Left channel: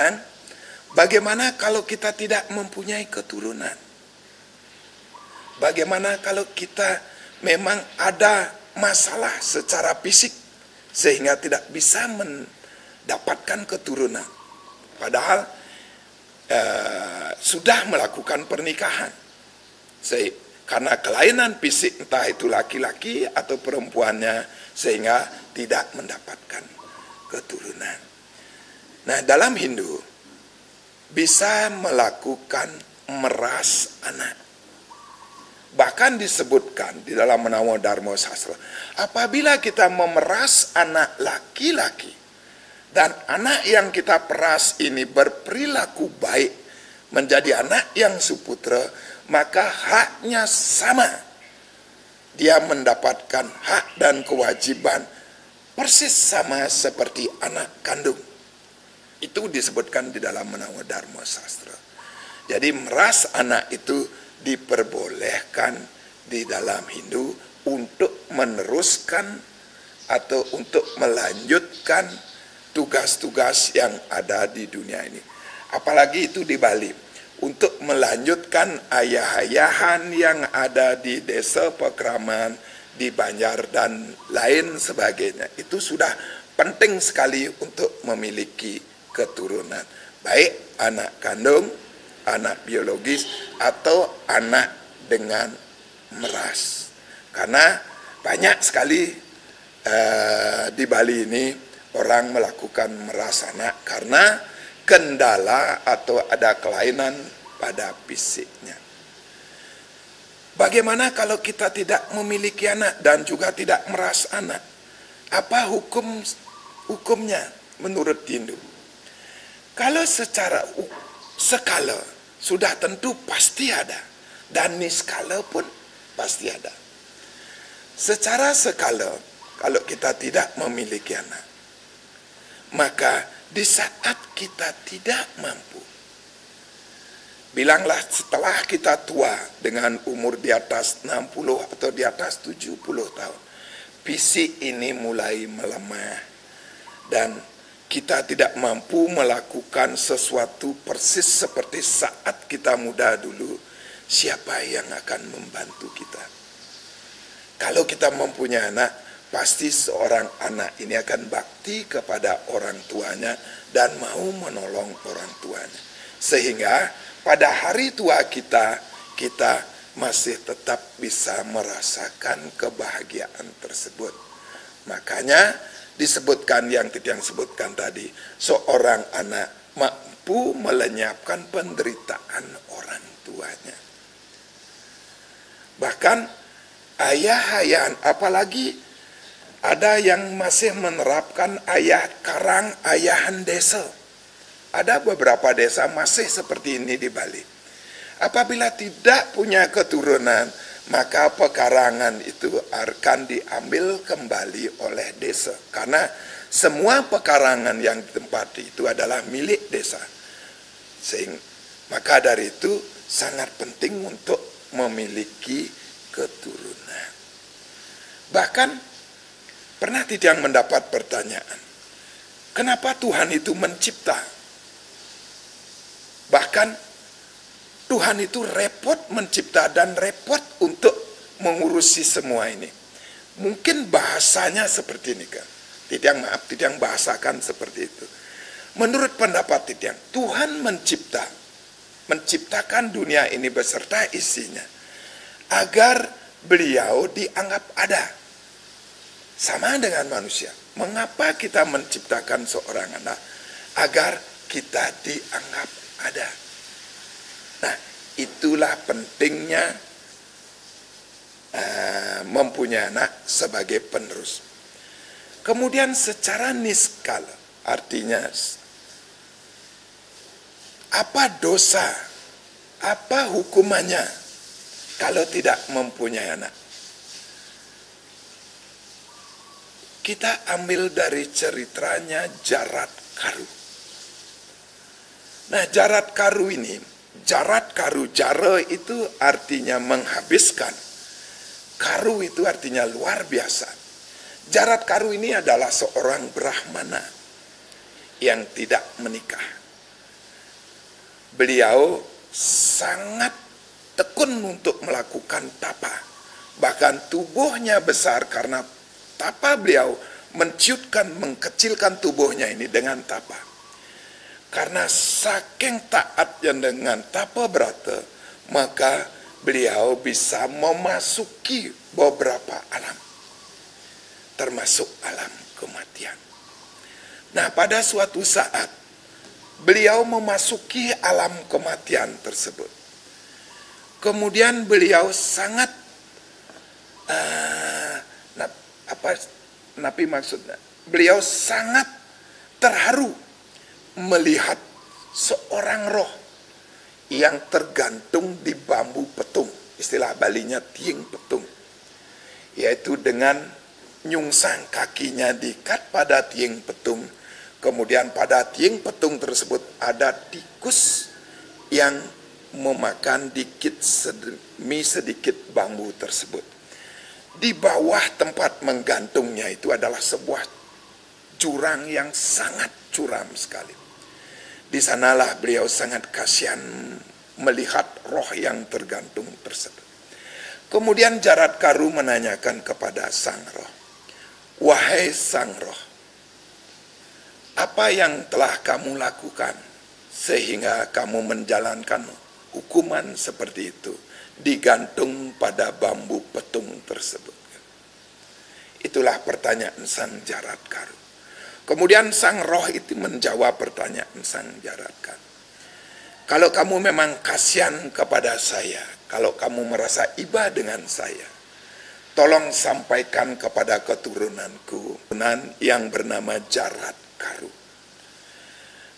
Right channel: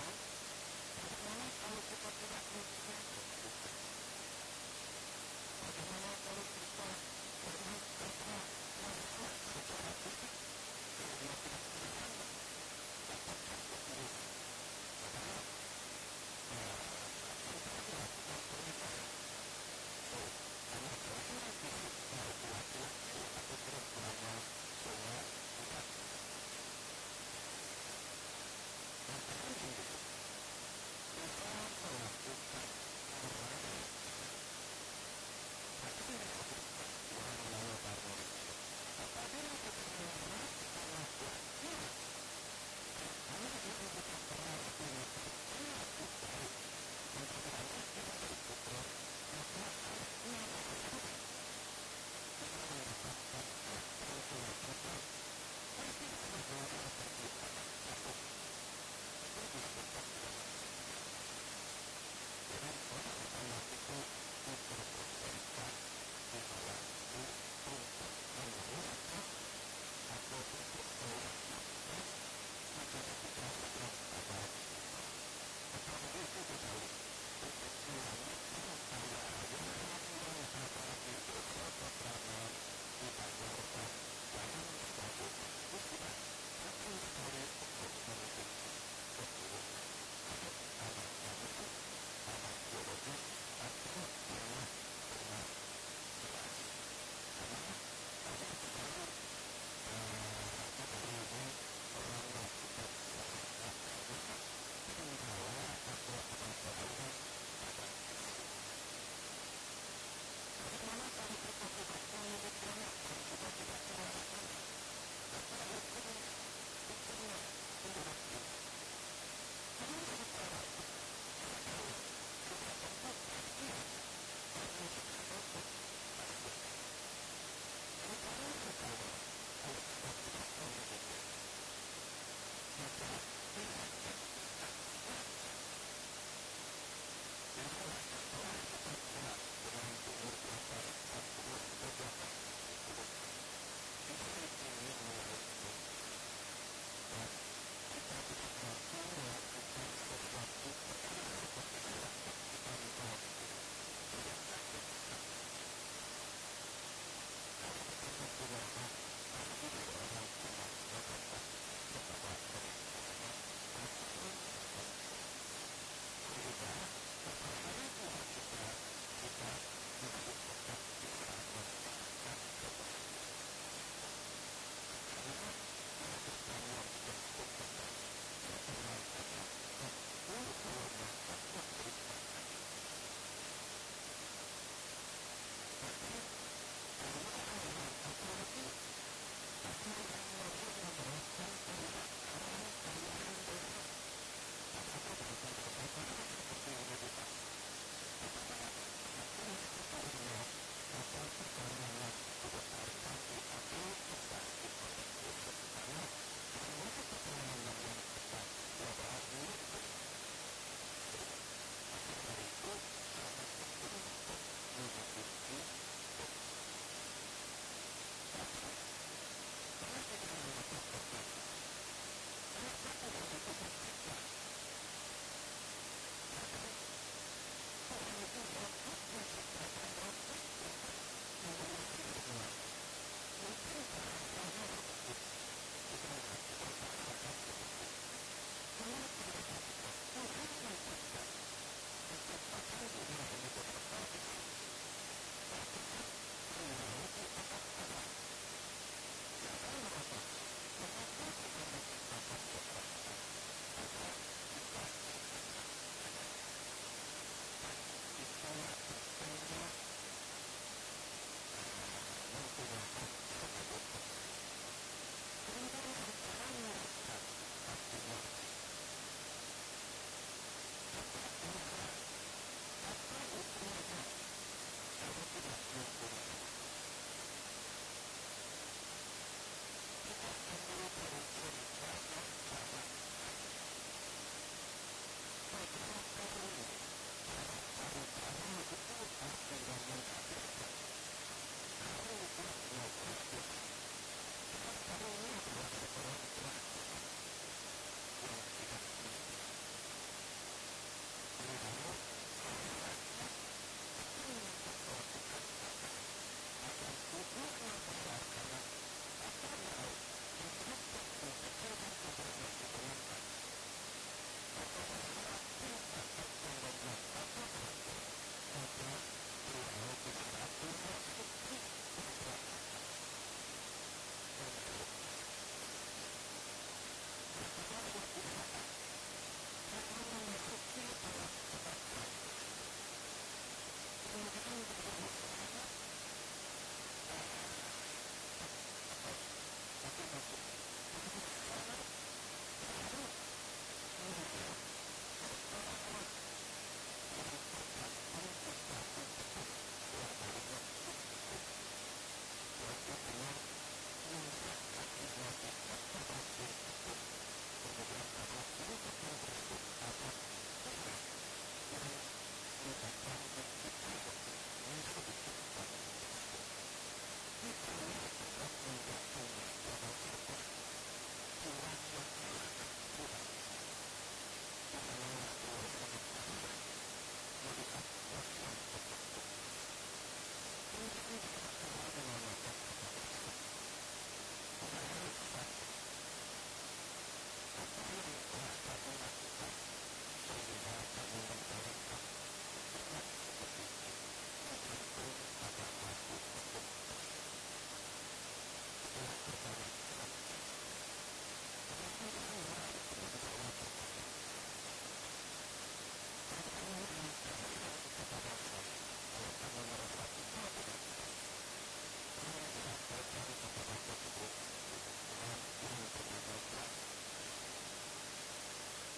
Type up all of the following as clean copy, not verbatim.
sekarang, bagaimana kalau kita tidak mempunyai keturunan? Bagaimana kalau kita memang ada masalah secara fisik sehingga tidak bisa mendapatkan keturunan? Padahal sudah melakukan pernikahan. Karena kelainan fisik, entah itu laki-laki atau perempuannya, sehingga tidak mendapatkan keturunan. Nah, dalam Hindu bisa melakukan meras anak. Bahkan disebutkan di dalam Namo Dharma Sastra, apabila kita memeras anak laki-laki dan anak yang kita peras ini berperilaku baik, menjadi anak yang suputra, maka haknya sama. Dia mendapatkan hak dan kewajiban persis sama seperti anak kandung. Itu disebutkan di dalam Namo Dharma Sastra. Jadi meras anak itu diperbolehkan di dalam Hindu untuk meneruskan atau untuk melanjutkan tugas-tugas yang ada di dunia ini. Apalagi itu di Bali, untuk melanjutkan ayah-ayahan yang ada di desa Pakraman, di Banjar dan lain sebagainya. Itu sudah penting sekali untuk memiliki keturunan, baik anak kandung, anak biologis, atau anak dengan meras. Karena banyak sekali di Bali ini orang melakukan meras anak karena kendala atau ada kelainan pada fisiknya. Bagaimana kalau kita tidak memiliki anak dan juga tidak meras anak? Apa hukumnya menurut Hindu? Kalau secara skala sudah tentu pasti ada, dan niskala pun pasti ada. Secara skala, kalau kita tidak memiliki anak, maka di saat kita tidak mampu, bilanglah setelah kita tua dengan umur di atas 60 atau di atas 70 tahun, fisik ini mulai melemah dan kita tidak mampu melakukan sesuatu persis seperti saat kita muda dulu, siapa yang akan membantu kita? Kalau kita mempunyai anak, pasti seorang anak ini akan bakti kepada orang tuanya dan mau menolong orang tuanya. Sehingga pada hari tua kita masih tetap bisa merasakan kebahagiaan tersebut. Makanya disebutkan yang Titiang sebutkan tadi, seorang anak mampu melenyapkan penderitaan orang tuanya. Bahkan ayah-ayahan, apalagi ada yang masih menerapkan ayah karang, ayahan desa. Ada beberapa desa masih seperti ini di Bali. Apabila tidak punya keturunan, maka pekarangan itu akan diambil kembali oleh desa. Karena semua pekarangan yang ditempati itu adalah milik desa. Maka dari itu sangat penting untuk memiliki keturunan. Bahkan pernah Titiang mendapat pertanyaan, kenapa Tuhan itu mencipta? Bahkan Tuhan itu repot mencipta dan repot untuk mengurusi semua ini. Mungkin bahasanya seperti ini kan. Titiang bahasakan seperti itu. Menurut pendapat Titiang, Tuhan menciptakan dunia ini beserta isinya agar beliau dianggap ada. Sama dengan manusia. Mengapa kita menciptakan seorang anak? Agar kita dianggap ada. Nah, itulah pentingnya mempunyai anak sebagai penerus. Kemudian secara niskala, artinya apa dosa, apa hukumannya kalau tidak mempunyai anak? Kita ambil dari ceritanya Jarat Karu. Nah, Jarat Karu ini, jara itu artinya menghabiskan. Karu itu artinya luar biasa. Jarat Karu ini adalah seorang Brahmana yang tidak menikah. beliau sangat tekun untuk melakukan tapa. Bahkan tubuhnya besar karena tapa beliau menciutkan, mengkecilkan tubuhnya ini dengan tapa. Karena saking taatnya dengan tapa brata, maka beliau bisa memasuki beberapa alam, termasuk alam kematian. Nah, pada suatu saat beliau memasuki alam kematian tersebut. Kemudian beliau sangat beliau sangat terharu melihat seorang roh yang tergantung di bambu petung, istilah Balinya tiing petung, yaitu dengan nyungsang kakinya diikat pada tiing petung. Kemudian pada tiing petung tersebut ada tikus yang memakan sedikit bambu tersebut. Di bawah tempat menggantungnya itu adalah sebuah jurang yang sangat curam sekali. Di sanalah beliau sangat kasihan melihat roh yang tergantung tersebut. Kemudian Jaradkaru menanyakan kepada sang roh, "Wahai sang roh, apa yang telah kamu lakukan sehingga kamu menjalankan hukuman seperti itu, digantung pada bambu petung tersebut?" Itulah pertanyaan sang Jaradkaru. Kemudian sang roh itu menjawab pertanyaan sang Jaradkaru. "Kalau kamu memang kasihan kepada saya, kalau kamu merasa iba dengan saya, tolong sampaikan kepada keturunanku yang bernama Jaradkaru.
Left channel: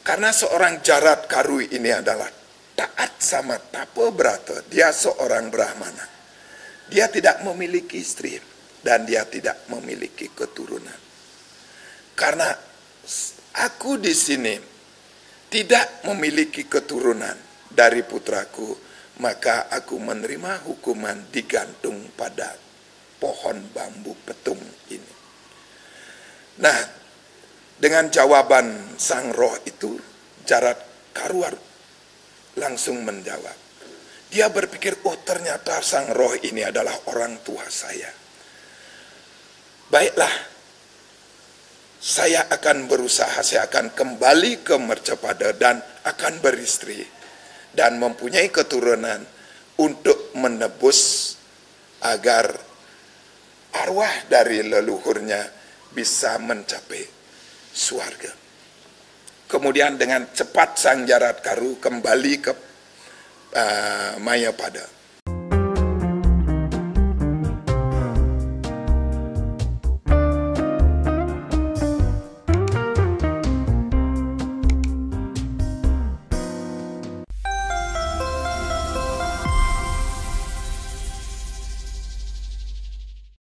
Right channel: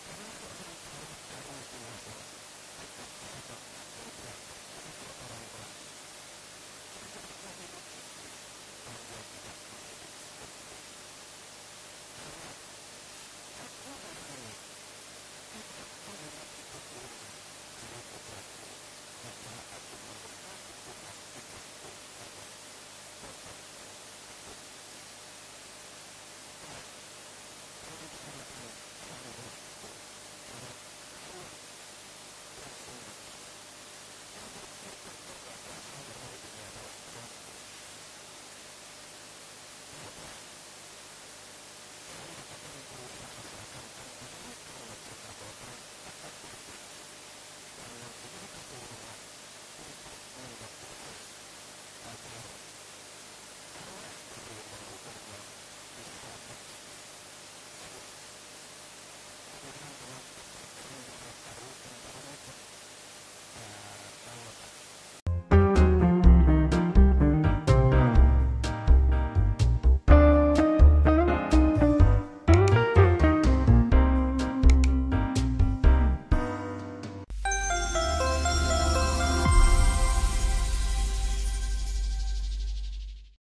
Karena seorang Jaradkaru ini adalah taat sama tapa brata. Dia seorang Brahmana. Dia tidak memiliki istri dan dia tidak memiliki keturunan. Karena aku di sini tidak memiliki keturunan dari putraku, maka aku menerima hukuman digantung pada pohon bambu petung ini." Nah, dengan jawaban sang roh itu, Jaradkaru langsung menjawab. Dia berpikir, oh ternyata sang roh ini adalah orang tua saya. Baiklah, saya akan berusaha, saya akan kembali ke Mercapada dan akan beristri dan mempunyai keturunan untuk menebus agar arwah dari leluhurnya bisa mencapai surga. Kemudian dengan cepat sang Jaradkaru kembali ke Mayapada.